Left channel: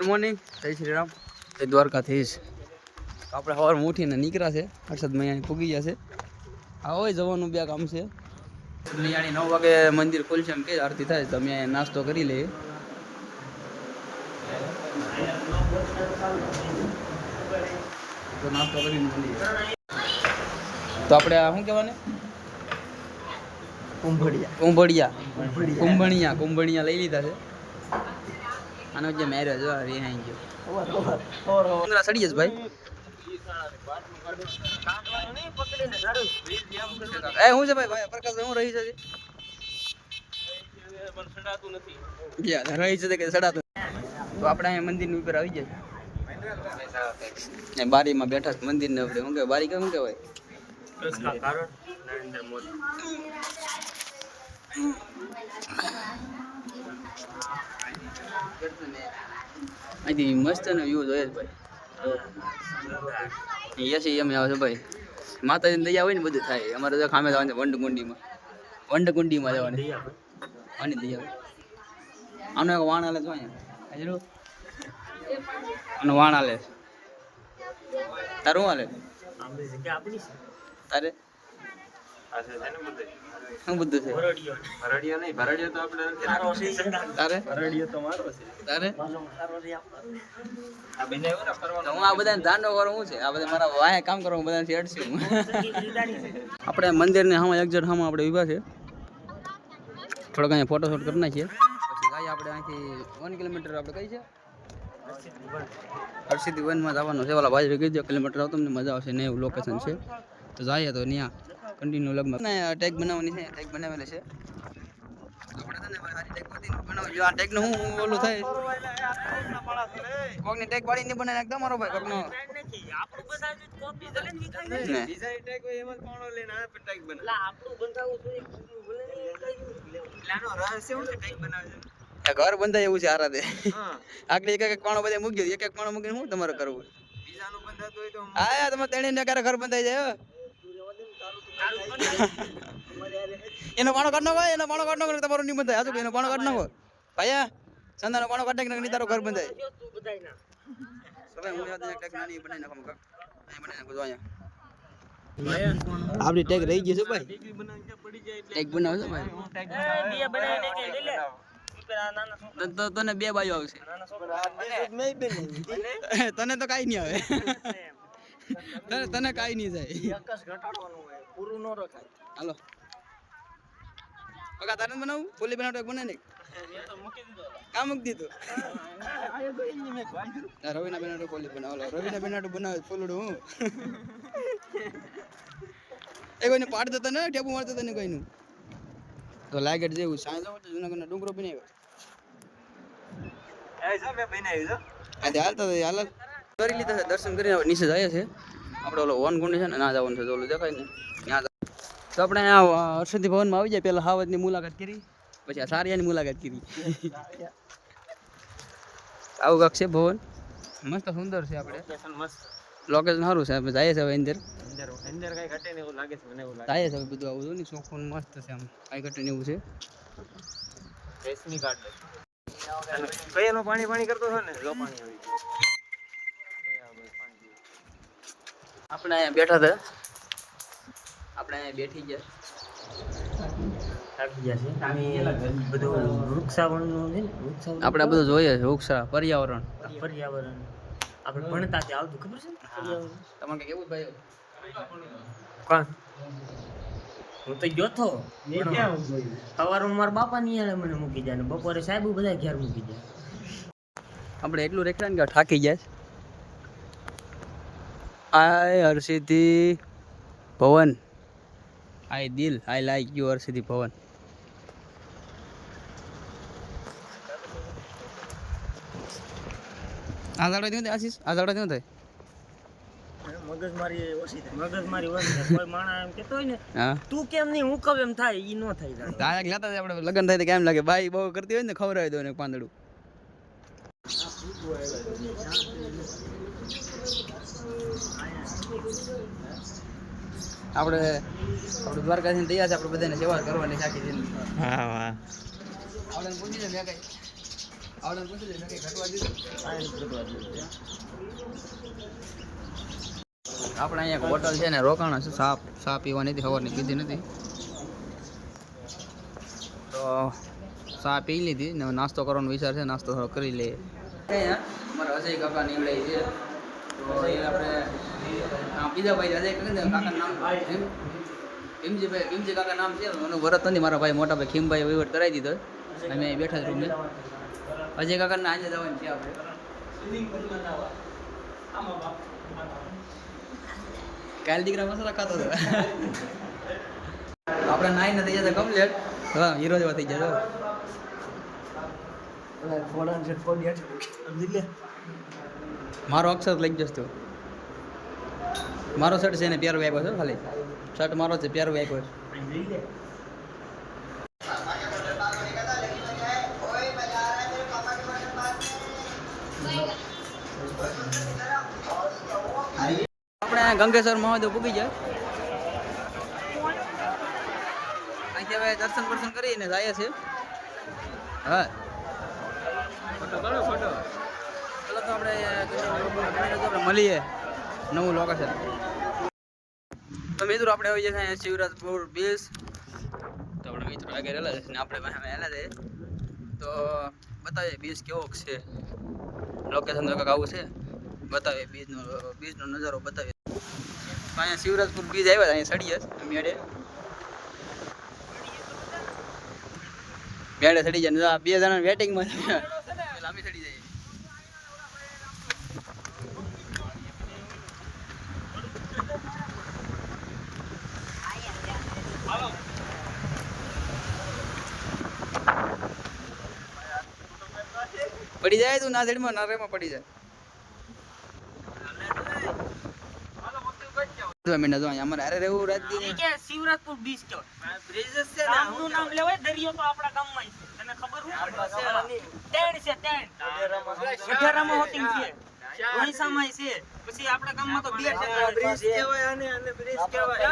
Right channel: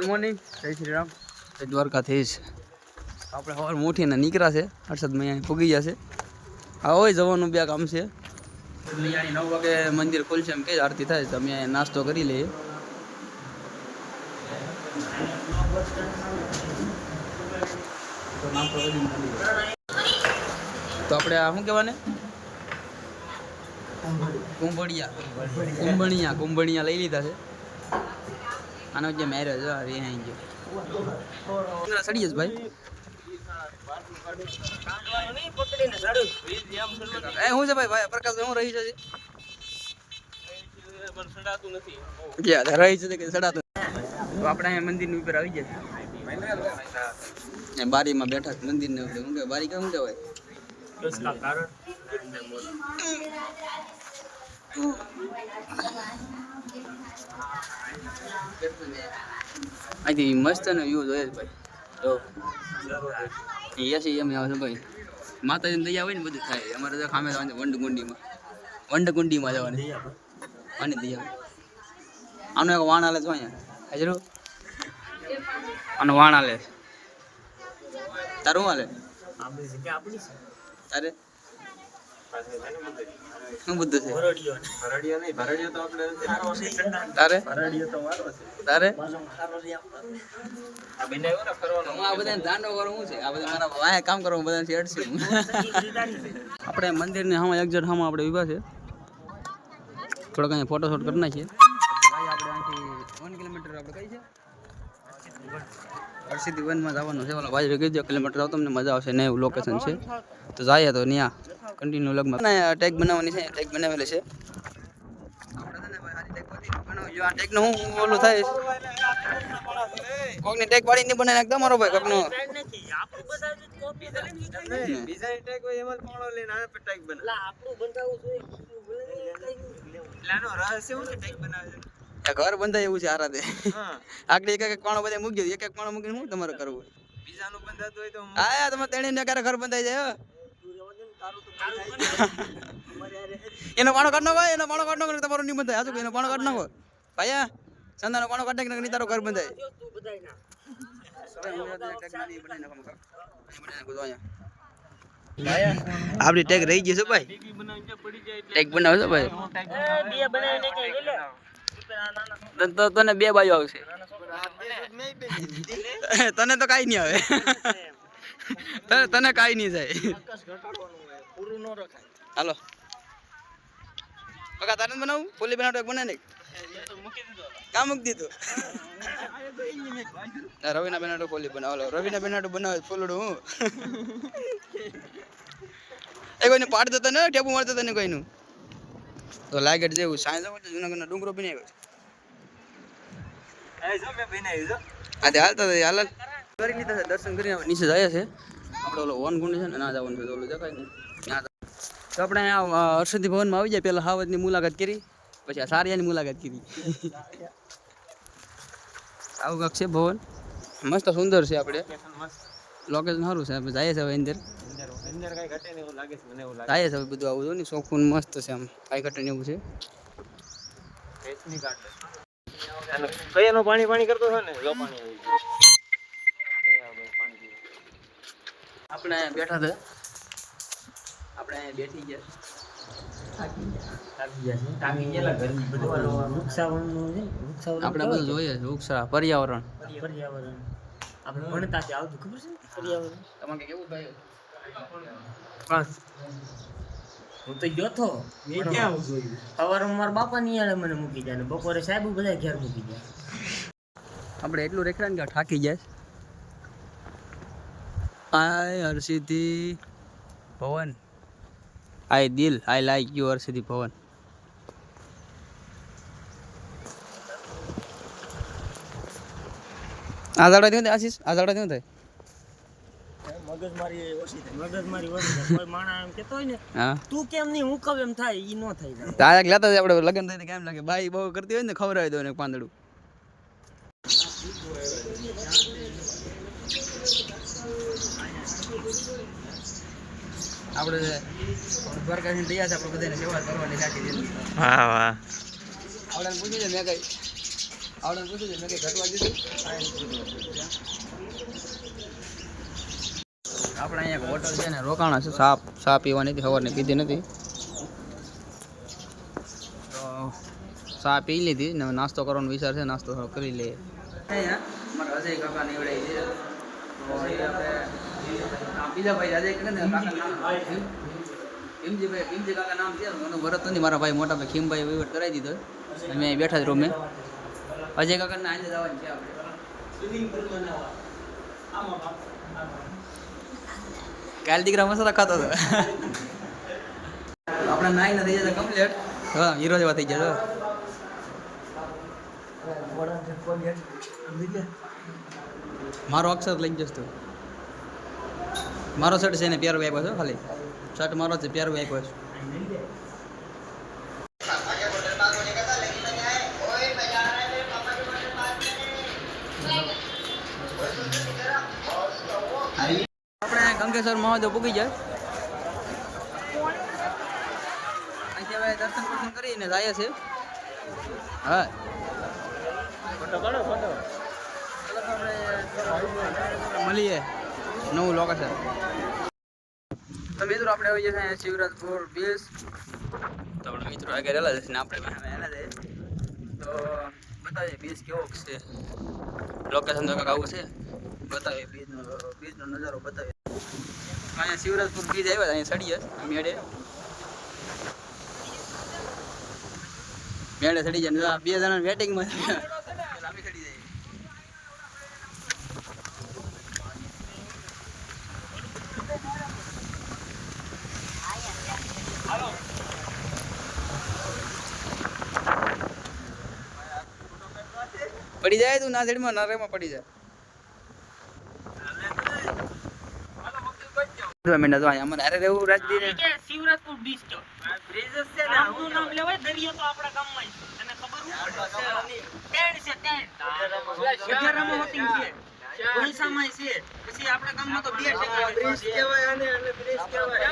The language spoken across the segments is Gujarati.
ગુડ મોર્નિંગ, જય શ્રી રામ, જય દ્વારકાધીશ. આપણે સવારમાં ઉઠીને નીકળ્યા છે. હર્ષદમાં અહીંયા પૂગી ગયા છે. હા હોય જવાનું બે કામ છે. અહીંયા 9 વાગે મંદિર ખુલશે એમ કે આરતી થાય તો અમે અહીંયા નાસ્તો કરી લઈએ. તો નાસ્તો કરીને મળીએ. તો આપણે આ શું કહેવાને કુંભણિયા લઈ લીધા છે. આનો જે મેરેજ રિહાઈ ગયો સડી જશે ભાઈ. એ શું છે ભાઈ પ્રકાશ હું રહી છે રહી છે કે સડાતું. તો આપણે અહીંયા મંદિરની ઉપર આવી જાય. બારીમાં બેઠા છે મંદિર ને આપણે શું કહેવાય બારી શું કહેવાય અહીંથી મસ્ત નો વ્યૂ જોઈએ છે ભાઈ. તો એસી એમ આવે છે ભાઈ. માતાજીની દયા હોય ને બધું થાય. અમારે તો ખામે જવાનું છે વંડકુંડીમાં જવાની આની દયા. આનો એક વાણ હાલે છે અહીંયા હજરો આનો વાણ હાલે. તારું હાલે તારે શું બધું છે તારે તારે હું આ બધાને દાંડો કરું શું છે આ બધા મારા વાયા કામ કરવા બધાથી અડશું. આપણે મંદિરને સામે એક્ઝેક્ટ સામે આપણે ઊભા છે. થોડોક અહીંયા ફોટોશૂટ કરી નાખીએ. પછી આપણે અહીંથી 1 કિલોમીટર આપણે કઈ છે હરસિદ્ધિ વનમાં જવાનું છે. ઓલા ભાઈ કીધું કિલોમીટર આવો તમને મજા આવશે ને એવું લોકેશન છે. તો જઈએ તો ત્યાં કન્ટિન્યુ લગમાં ટેગ બનાવવાની છે. ટેગ બનાવેલી છે આપણે છે ને સારી ટેગ બનાવજો. આ ટેગનો હું ઓલું થાય કોકની ટેગ પાડી નહીં બનાવી નાખતા મારો ભાઈ કોકનો આપણું બતાવજો કોપી ભલે ની ખાઈ ને બીજા ટેગ હોય એમાં પાણો લઈને આવે ટેગ બનાવે. લા આપણું બંધાવું જોઈએ લાનો રહસ્ય હું ટેગ બનાવે છે. ઘર બંધાય એવું છે આરાતે. આગળ એક એક પાણો બધા મૂકી એક એક પાણો મૂકીને શું તમારે કરવું બીજાનું બંધાતું હોય તો હા તમે તેણીને ક્યારે ઘર બંધાઈ જાય. એનો પાણો કાઢ નાખો એનો પાણો કાઢ નાખો તમારો નહીં બંધાય. આજુ એનો પાણો કાઢ નાખો ભાઈ સંદાનો પાણો કાઢ નાખી તારો ઘર બંધાય. આપડી ટેગ રહી ગઈ છે ભાઈ. ટેગ બનાવશો ભાઈ તને 2 બાજુ આવશે. તને તો કઈ નહીં આવે તને કઈ નહીં જાય. હાલો પકા તારે બનાવું પોલી બનાવતો એક બનાવી નાખ. કા મૂકી દીધું રવિના બેનાટો પોલી બનાવો. રવિના બેનાટો બનાવે ફૂલડું હું એ કોઈને પાડ દેતા ને ટેપુ મારતા તને કોઈનું તો લાગેટ જેવું સાંજ જુનાગઢનો ડુંગરો બની આવ્યો. હાલતા હાલ કરી લીધા છે. દર્શન કરીને નીચે જાય છે. આપણે ઓલો વન કુંડ છે ને ના જવાનું છે તો ઓલું દેખાય ને ત્યાં. તો આપણે અહીંયા હર્ષદિ ભવનમાં આવી જાય. પહેલાં હાવજની મુલાકાત કરી પછી આ સારિયાની મુલાકાત કરી. આવું કાંક છે ભવન મસ્ત સુંદર છે. આપણે લોકેશન સારું છે. આપણે જઈએ છીએ હવે અંદર કઈ ઘટે ને એવું લાગે છે મને. એવું લાગે છે બધું આવું જો ને સોફુન મસ્ત છે. આમ કઈ ઘટે ને એવું છે. પાણી કરતો હોય ને આપણે બેઠા હતા. આપણે બેઠી ગયા આપણે બધું જોઈએ છે. વૃક્ષા પર્યાવરણ આપણે ભણતા ત્યાં આવતું ખબર છે તમારે કેવું ભાઈ. હું તો ગયો તો સવારમાં મારા બાપા ની મને મૂકી જાય ને બપોરે સાહેબ બધા ઘેર મૂકી જાય. આપણે એટલું રેખડા ને થાકી જાય. આય હરસિદ્ધિ ભવન આઈ દિલ આઈ લાઈક યુ હરસિદ્ધિ ભવન. આઝાડા થયું આશીષ આઝાડા થયું થાય મગજમારી ઓછી થાય. કોઈ માણસ એમ કેતો હોય ને તું કેમ નહીં હું કહું એમ થાય ઈ નો થાય. તારે લેતા આપણે લગન થાય તો કેમ લાગે બાઈ બહુ કરતી હોય ને ખવડાવી દો ને પાંદડું. આપણે દ્વારકાથી તૈયાર છે. આપણે બધાને સેવા કરવાની સાચી. હા વાહ આપણે પૂછી લે મેં કઈ આવડે પૂછી દે મેં કઈ ઘટવા દીધું. આપણે અહીંયા હોટલ છે ને રોકાણા છે, સા પીવાની હતી, સવારની પીધી નથી તો સા પી લીધી ને નાસ્તો કરવાનો વિચાર છે, નાસ્તો થોડો કરી લઈએ. અહીંયા અમારા અજય કાકા નીવડાય છે તો એ આપણે બીજા ભાઈ અજય કાકા નામ ભીમજી કાકા નામ છે, હું ભરત નથી, મારા ભાઈ મોટા ભાઈ ખીમભાઈ વહીવટ કરાવી દીધો. અમે અહીં બેઠા જ રૂમે. અજય કાકાને આજે જવાની છે આપણે. કાલ દીકરા મસાલા ખાતો હતો. આપણે નાઈ નથી જતા કમ્પ્લીટ. હા હીરો જેવા થઈ ગયા. મારો અક્ષર લઈ જશ તું. મારો શર્ટ છે ને પ્યારો આપ્યો છો, ખાલી શર્ટ મારો છે, પ્યારો આપ્યો છે. આપણે ગંગેશ્વર મહાદેવ પૂગી જાય. અહીંથી હવે દર્શન દર્શન કરીને જાય છે. હા ફોટો પાડો ફોટો. ચલો તો આપણે મળીએ નવું લોકેશન. તો મિત્રો આપણે આવી જશે શિવરાજપુર બીચ. તો આપણે મિત્રો આગળ હેલા જશે ને આપણે હેલા જઈએ તો બતાવીએ બીચ કેવો છે, લોકેશન તો કંઈક આવું છે, બતાવીએ બીચનો નજારો બતાવીએ. અહીંયા શિવરાજપુર બીચ આવ્યા અહીંયા ચડીએ મેળે ચડી જાય. 2 જણા વેટિંગમાં છે, લાંબી ચડી જાય. પડી જાય તું ના સાઈડમાં ના રેમાં પડી જાય. અમારે અરે રહેવું રાજદી શિવરાજપુર બીચ તો બ્રિજ છે ને, આમનું નામ લેવાય દરિયો તો આપણા ગામમાં તને ખબર હું ટેડ છે ટેડ સુધારામાં હોટિંગ છે, ઓડિશામાં છે, પછી આપણા ગામમાં તો 2 બ્રિજ કહેવાય અને બ્રિજ કહેવાય.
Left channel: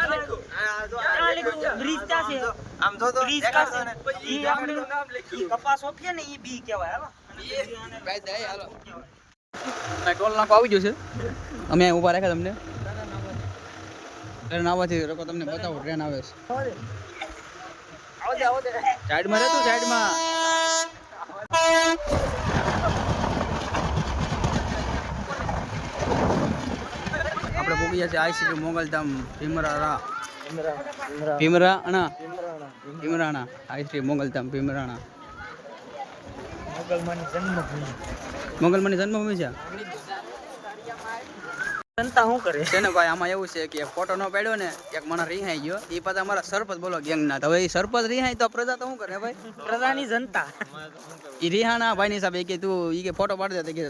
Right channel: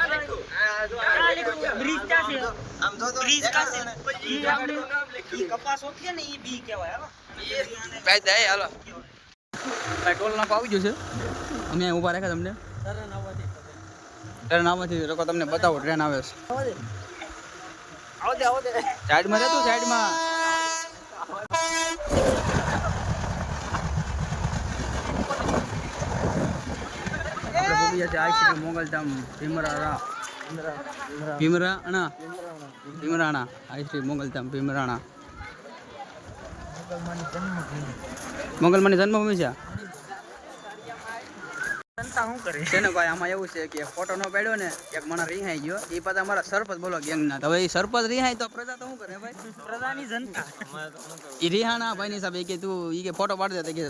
બ્રિજ ક્યાં છે? આમ જો તો બ્રિજ ક્યાં છે? ઈ આપણું નામ લખી કપાસ હોત છે ને ઈ બી કહેવાય. હાલો ભાઈ જાય હાલો. ટોલ નાકો આવી ગયો છે, અમે અહીં ઊભા રાખ્યા તમને. ટ્રેન આવવાથી લોકો તમને બતાવો, ટ્રેન આવે છે. સાઈડમાં રહેતું સાઈડમાં. આપણે પૂકી જશે આઈસીટી મોગલધામ ભીમરાણા આઈસીટી મોગલધામ ભીમરાણા. મોગલમાની જન્મભૂમિ છે. જનતા શું કરે છે ને ભાઈ, આમાં એવું છે કે ફોટો ન પાડ્યો ને એક માણસ રિહાઈ ગયો, એ પાછા અમારા સરપંચ બોલો ગેંગના. હવે એ સરપંચ રિહાઈ તો પ્રજા તો શું કરે ભાઈ? પ્રજાની જનતા એ રિહાણા ભાઈ ની હિસાબે કે તું ઈ કે ફોટો પાડી દે, કે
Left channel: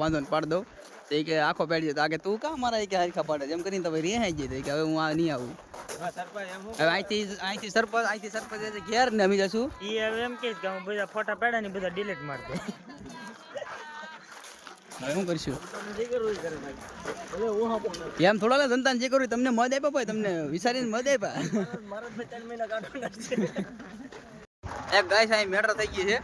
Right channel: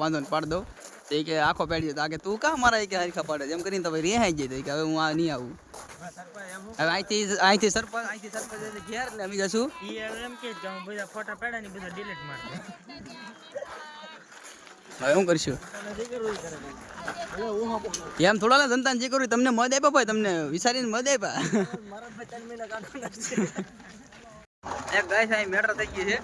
વાંધો ને પાડ દઉં. તો એ કે આખો પાડી દે, કે તું કા મારા કે હરખા પાડે એમ કરીને તો ભાઈ રિહાઈ જાય કે હવે હું આ નહીં આવું. હવે અહીંથી સરપંચ ઘેર ને અમે જશું. એમ કે બધા ફોટા પાડ્યા ને બધા ડિલીટ માર દે. હવે શું કરશું? એમ થોડા જનતાને જે કર્યું તમને મત આપ્યા ભાઈ, તમને વિચારીને મત આપ્યા. એક ગાય સાહેબ મેટર થઈ ગઈ છે.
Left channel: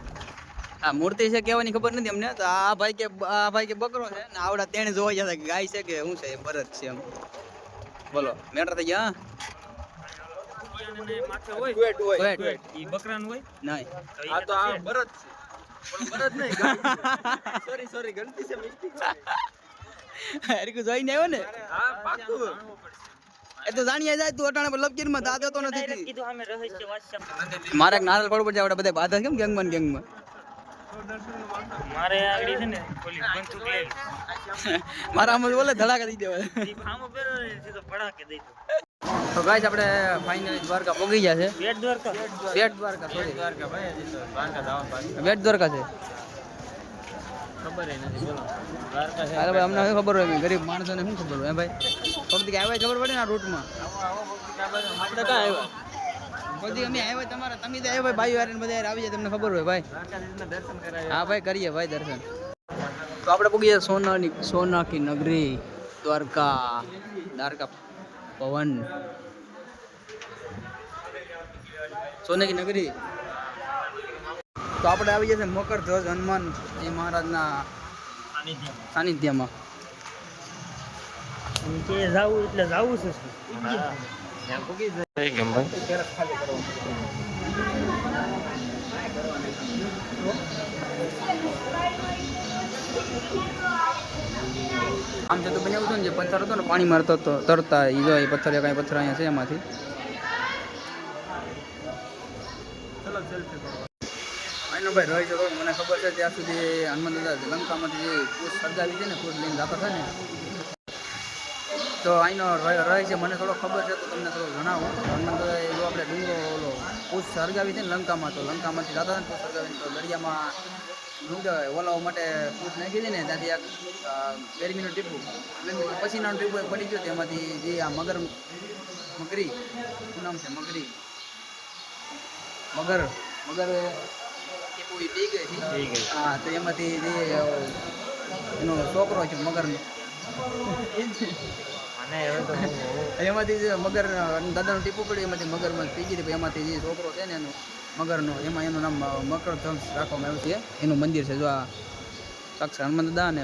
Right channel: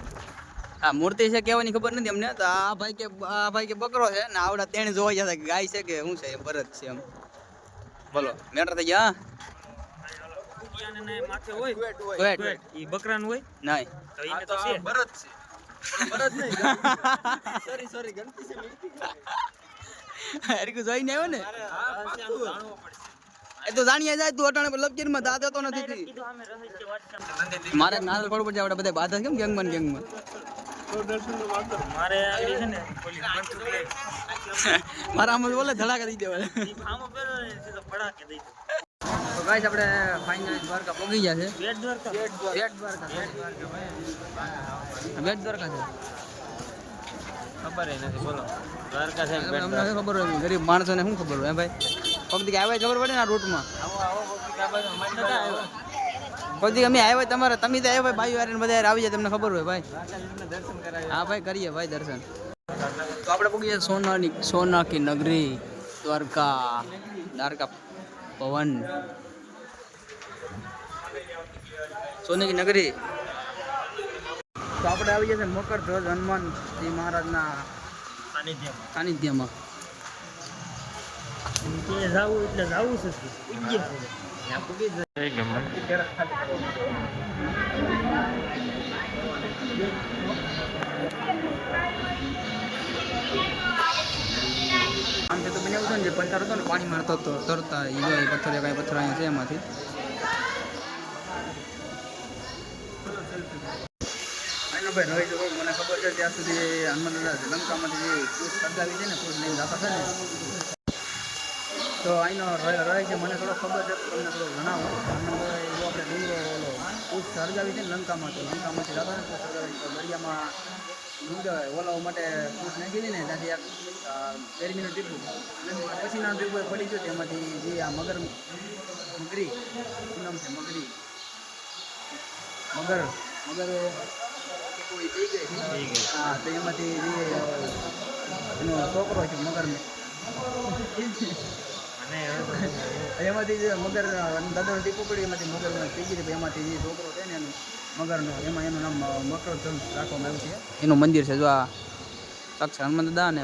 આ મૂર્તિ છે કહેવાની ખબર નથી અમને. તો આ ભાઈ કે બકરો છે ને આવડા તેને જોવા જતા કે ગાય છે કે શું છે, ભરત છે એમ. બોલો મેટર થઈ ગયા. માથે હોય ઈ બકરાનું હોય નહીં તો આ ભરત છે. ભરત નહીં, સોરી ગલતી છે મિસ્ટેક. હરકું જોઈને આવ્યો ને? હા પાક્કું. એ તો જાણીએ જાય તું અટાણે પર લપકીરમાં દાદા તો નથી. કીધું અમે રહસ્ય વાંચ્યા. મારે એક નારળ પડવું પડશે. આપણે બધા બાધા કેમ ગેંગમાં મારે આગળ છે ને ઓલી બંદૂક લે. મારા આમ બોલે ધડાકા દઈ દેવા. ઈ ભામો પેરો ને સીધો ફડાકે દઈ દો. તો ગાઈસ આપણે ફાઇનલી દ્વારકા પહોંચી ગયા છે. બેટ દ્વારકા બેટ દ્વારકા છે. ખબર નથી બોલો દ્વારકા છે. અમને શું ખબર હોય, ગરીબ માણસોને શું ખબર હોય ભાઈ? પગથી આવ્યા ખબર પડે ને આ રૂટમાં. આપણે ક્યાં આવ્યો? પગથી અમે આવ્યા તમારે, તમે તો આવ્યા ભાઈ યાર બધા આવી જાય, તમને ખબર હોય ભાઈ. દ્વારકાધીશના દર્શન કરાવ્યા. હા ભાઈ કરીએ ભાઈ દર્શન. તો આપણે પૂગીએ સોના કી નગરી દ્વારકા પવન. સોને કી નગરી તો આપણે આવી જશે મકરધ્વજ હનુમાનજી મહારાજના સાનિધ્યમાં. કે જાવું એટલે જાવું છે શું? આમ તો બને એવું છે ને જે પથ્થર હતો ને પાણી મારતો હતો તરતા એ પથ્થર કાંઈ પથ્થર અહીંયા છે એમાંથી. આનો ભાઈ રહી શકો મને ખબર છે ત્યાં સુધી હનુમાન દાદા લંકામાંથી જે પૂછ સળગાવી છે ને પૂછ લઈને જતા હતા ને તો અહીંનો રહે છે મને થોડો ખબર છે તો તમને થોડુંક જણાવું. હનુમાન દાદા જો આપણે ડુંગરો ઓલો પૂછ સળગાવી છે ને લંકામાં તો લંકામાંથી જતા હતા ને પૂછ સળગાવીને તો દરિયામાં શું કહેવાય ઓલાઓ માટે પૂછ નાખી હતી ને ત્યાંથી એક ગરમીનું ટીપું પછીના ટીપું એ પડી ગયું તેમાંથી જે આ મગરી શું નામ છે મગર ટીપું એ પી ગઈ હતી. હા તો એમાંથી જે એનો છોકરો છે મગરનો એમાંથી જે મગર દાદાનું ટીપું પડ્યું એમાંથી મગરમાં પી ગઈ હતી. એમાંથી જે છોકરો છે ને એનું મગરનો એમાં એનું નામ મકરધ્વજ રાખવામાં આવ્યું છે. એનું મંદિર છે જો આ સાક્ષાત હનુમાન દાદા અને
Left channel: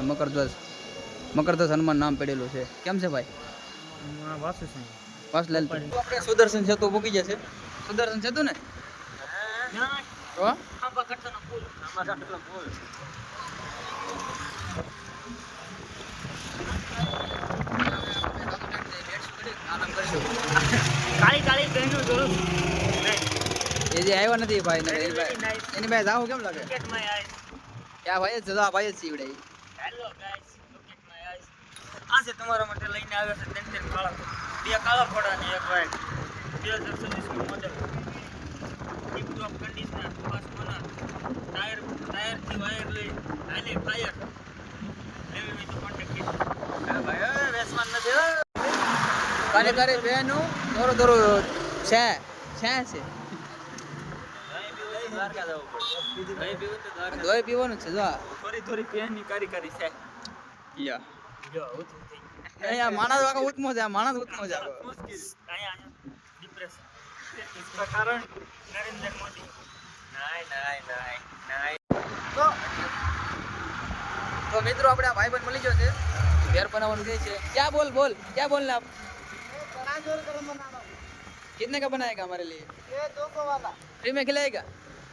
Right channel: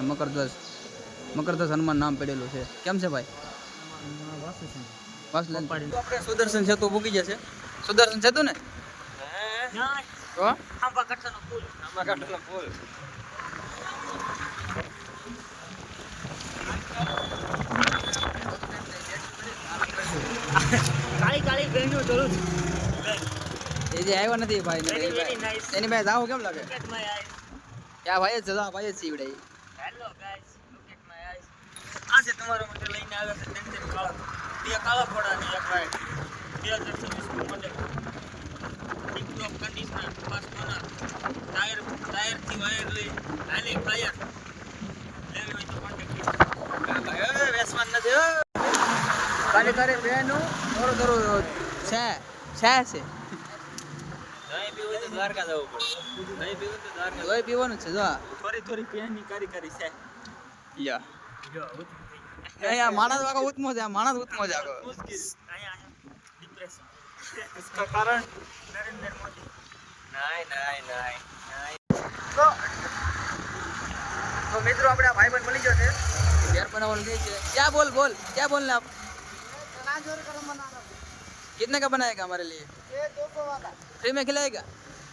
મકરધ્વજ હનુમાન નામ પડેલું છે. કેમ છે ભાઈ? વાસુલાલ આપણે સુદર્શન સેતુ મૂકી જશે. સુદર્શન સેતુ ને તો આંબા કાંઠાનો પુલ. કાળી કાળી બહેનો જોડું છું. એ જે આવ્યા નથી ભાઈ ને એની ભાઈ જાવ કેમ લાગે? ક્રિકેટમાં આય. ક્યાં ભાઈ જ જવા ભાઈ જ સીવડે. હેલો ગાઈસ, ક્રિકેટમાં આય. આજે તમારા માટે લઈને આવ્યા છે ત્રણ કાળા, બે કાળા ઘોડા ને એક વાઈટ. 2026 નું model. Tip top conditioner, fast owner, tyre થી વાયર લઈ હાલે ફાયર. લેવી હોય તો કોન્ટેક્ટ કરો. ભાઈ વેસવાન નથી હો. કાલે કાલે બેનો દોરો દોરો છે દ્વારકા જવું નહીં પીવું તો દ્વારકા દોય પીવાનું છે જો થોડી પેનની કારીગરી છે. યા નહીં આ માણસ વાળો ઉત્મો છે. આ માણસ ઉત્મો છે આખો. અહીંયા ડિપ્રેશન. इसका कारण નરેન્દ્ર મોદી. नहीं તો મિત્રો આપણે આ ભાઈબંધ મળી ગયો છે. ઘેર બનાવવાનું કહે છે. क्या बोल ने आप? चना जोर गरम बनाना कितने का बनाएगा हमारे लिए? ये 200 वाला फ्री में खिलाएगा?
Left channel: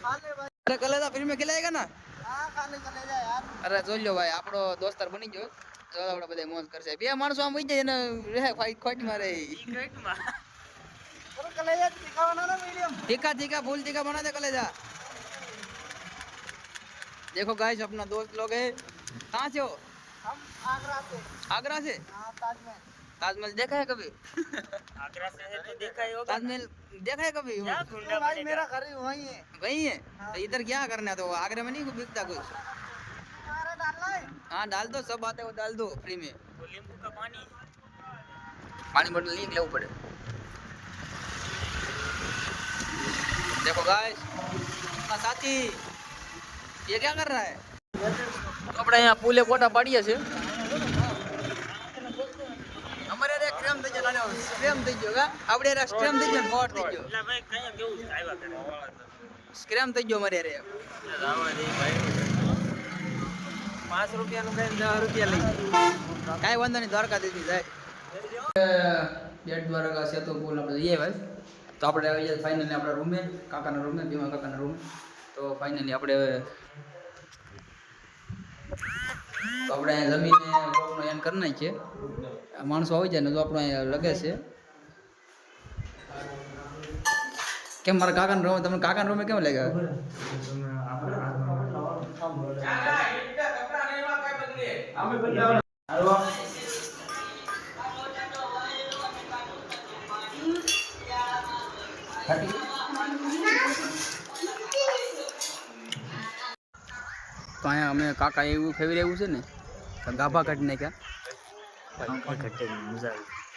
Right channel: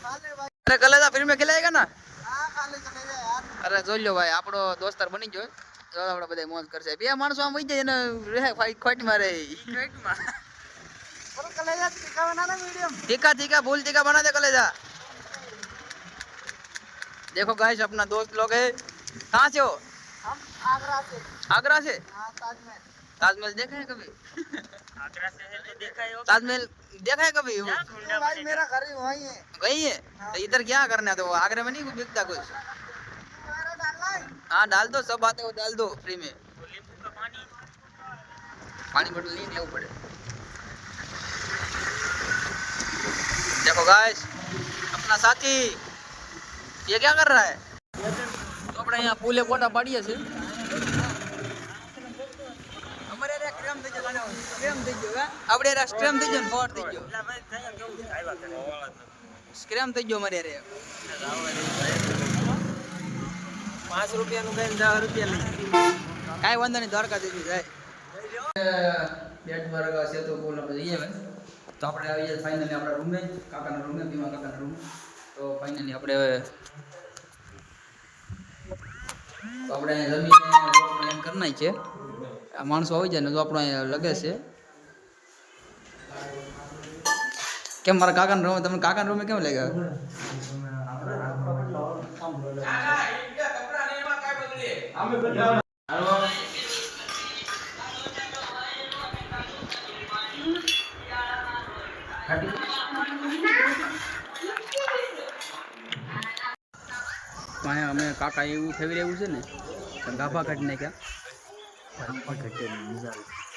खा ले भाई अरे कलेजा फ्री में खिलाएगा ना? हाँ खा ले चले जा यार અરે જોઈ લો ભાઈ આપણો દોસ્તાર બની ગયો. તો આપણે બધા મોજ કરશે. બે માણસો આમ વઈ જાય એને રહે ખોટ મારે. ક્રિકેટમાં पर कलेजा तीखा बनाना मीडियम तीखा फूल तीखा बना दे कलेजा. देखो गाइस अपना दोस्त लोग है. कहाँ से हो? हम आगरा से आगरा से? हाँ ताजमहल ताजमहल देखा है कभी? આગ્રા શહેર ને દેખાય ताजमहल देखा है कभी? तो भाई मेरा घर ही वहीं है गई है तो इधर क्या करना है? तो आगरा में नहीं बिकता कुछ? तुम्हारा डालना है हाँ डाल दो सब आते वो डाल दो फ्री में. લીંબુ કા પાણી. पानी बोतल नहीं लेવું પડે. देखो गाइस अपना साथी ये क्या कर रहा है? तो આપણે અહીંયા પુલે ફોટા પાડીએ છે. અમારે રે ક્રેમ થઈ ગયો સ્ક્રેમ થઈ ગયો આપણે રે સ્ક્રેમ થઈ ગયો ને ફોટ થઈ ગયો. એટલે ભાઈ કયા કેવું આવ્યા કરે. સ્ક્રેમ થઈ ગયો મારે રે. रावा दे भाई 5 रुपया में 10 रुपया लई કાઈ વાંધો નહીં દ્વારકા દીધી જાય. બેટ દ્વારકા છે તો બોલ આપણે જઈએ ભાઈ. તો આપણે આવી જાય ફાઇનલી આપણા રૂમે કાકાના રૂમે ભીમા કાકાના રૂમે. તો ફાઇનલી આપણે તો આપણે અહીંયા જમીને બ્લોકનો એમ કરી નાખી છે. આ માણસો આવી જાય ને તો આપણો અહીંયા લગે છે. કેમ મારા કાકાના રૂમે તમને કાકાના રૂમે કેમ લાગ્યા? તો અહીંયા અમે કાકા એવું ફેવી રહ્યું છે ને તો ગાભા કાઢી નાખ્યા.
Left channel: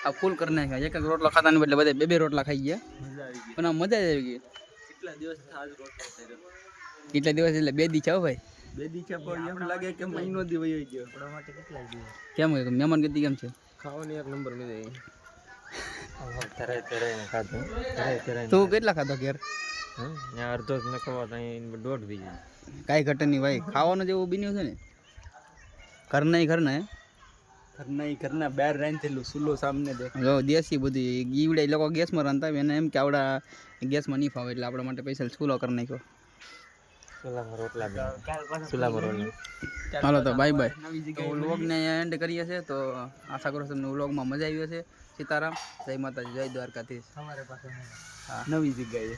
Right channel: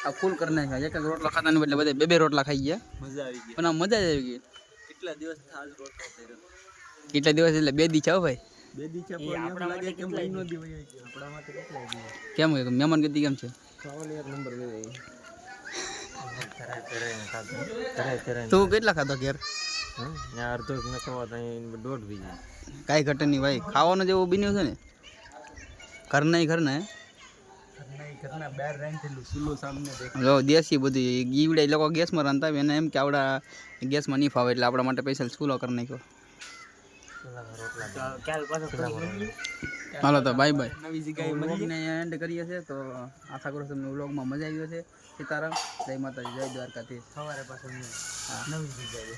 આ ફૂલ કરી નાખ્યા. એક રોટલો ખાતા ને બદલે બધા બે રોટલા ખાઈ ગયા. मजा આવી ગઈ. પણ આ મજા જ આવી ગઈ. કેટલા દિવસ આજ રોટલો કર્યો. કેટલા દિવસ એટલે 2 દી છે હો ભાઈ. બે દી છે પણ એમ લાગે કે મહિનો દી વયો ગયો. આપણા માટે કેટલા દિવસ. કેમ મહેમાન ગતિ કેમ છે? ખાવાની એક નંબર મજા આવી. તું કેટલા ખાધો ઘેર? ત્યાં અડધો જ નખવા ત્યાં દોઢ વી જાય. કાંઈ ઘટે નહીં ભાઈ, ખાવાનું જેવું બન્યું છે ને ઘરના ઘરના બહાર રાંધેલું સુલો સામને દેખાય. જો દેશી બધી ગીવડા એ લોકો ગેસમાં રાંધતા હોય એને એમ કે આવડા ગેસમાં નહીં ફાવે એટલે આપણા માટે સ્પેશિયલ ચૂલો કરી નાખ્યો. હાલો તો બાય બાય. તો વ્લોગને અહીંયા એન્ડ કરીએ છીએ. તો આશા કરું તમને વ્લોગમાં મજા આવી હશે. સીતારામ, જય માતાજી, જય દ્વારકાધીશ. સવારે પાછા હા નવી જગ્યાએ